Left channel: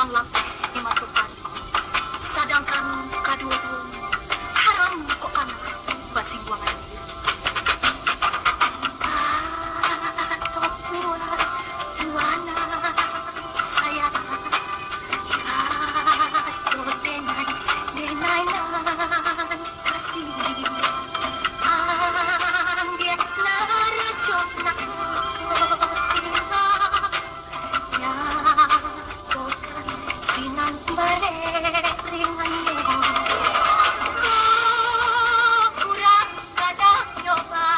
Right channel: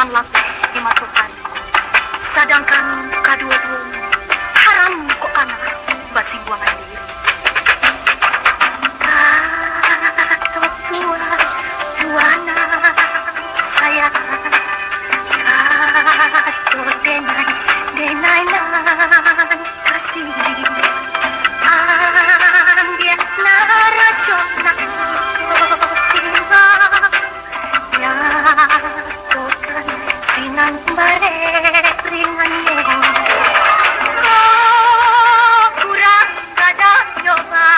dengan laki dimasukkan. Sedangkan kedua-dua haram kok anak basi buangan diri. Kata tuana saya kata denai kasih ambil naracok nak cinta ya tokan sinan bare ringannya kurang ada coba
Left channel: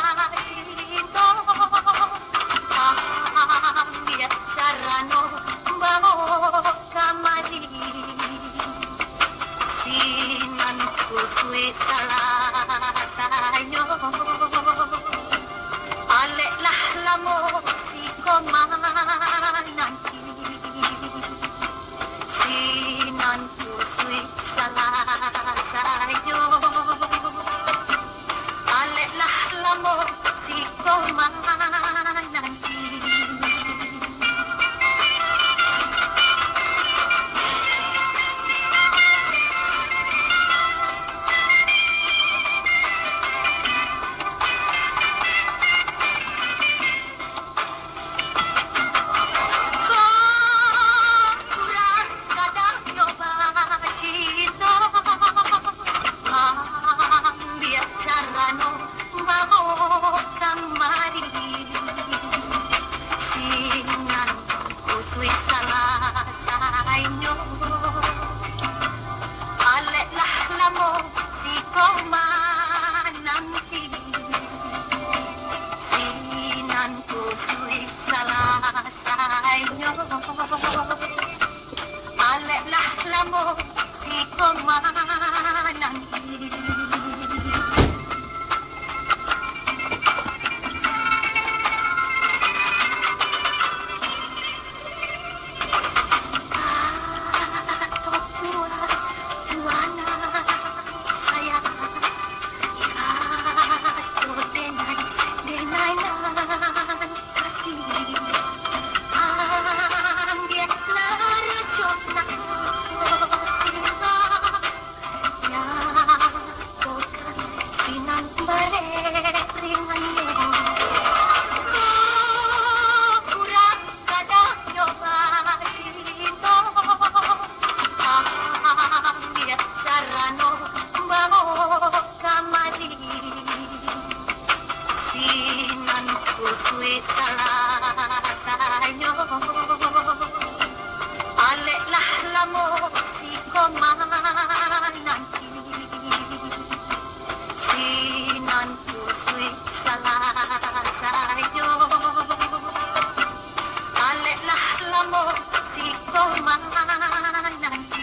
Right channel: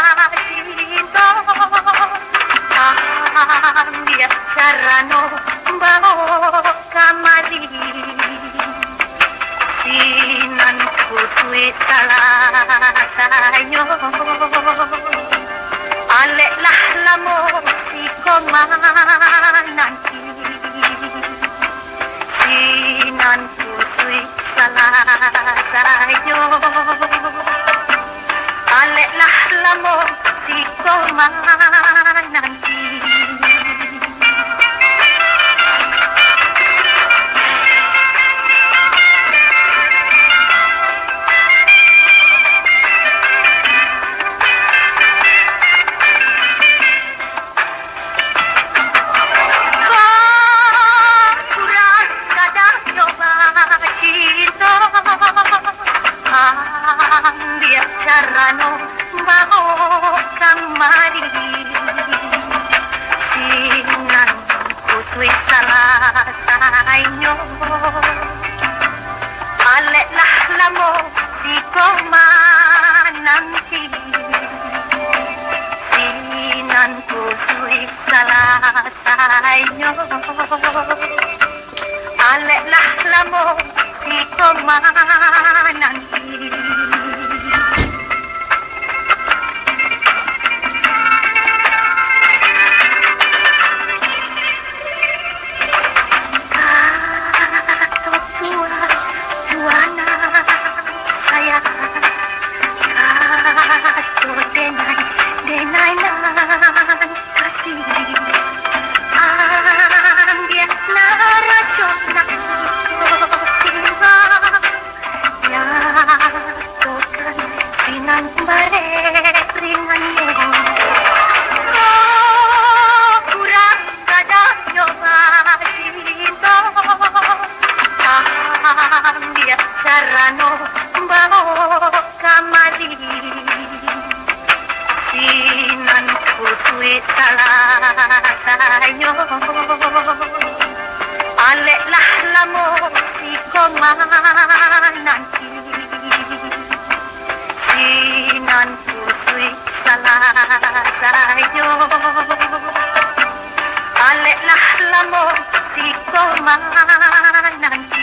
cinta ambil cara no bawa kamari sinan kusui salah sayo alek lah lamo si komananti sinan kusui salah sayo alek lah lamo si komananti. Dia carano bawa kamari sinan kusui salah sayo alek lah lamo si komananti sinan kusui salah sayo alek lah lamo si komananti. Carano bawa kamari sinan kusui salah sayo alek lah lamo si komananti sinan kusui salah sayo alek lah lamo si komananti.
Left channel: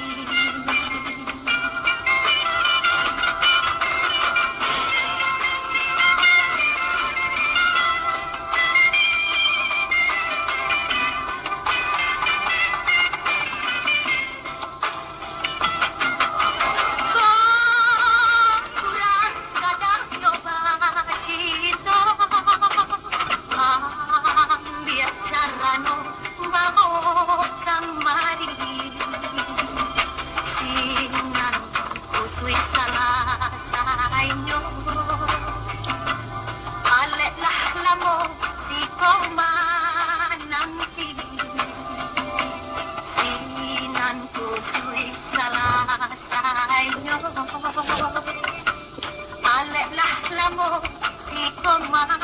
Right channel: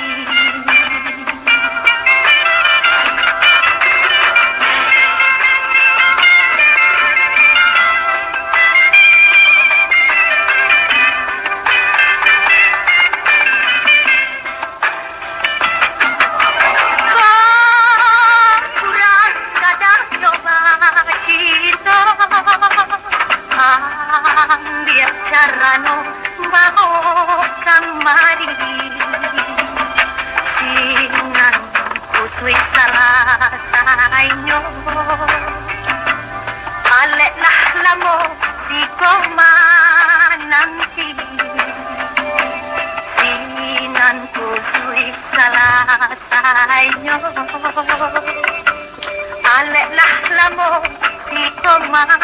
Dia carano bawa kamari sinan kusui salah sayo alek lah lamo si komananti sinan kusui salah sayo alek lah lamo si komananti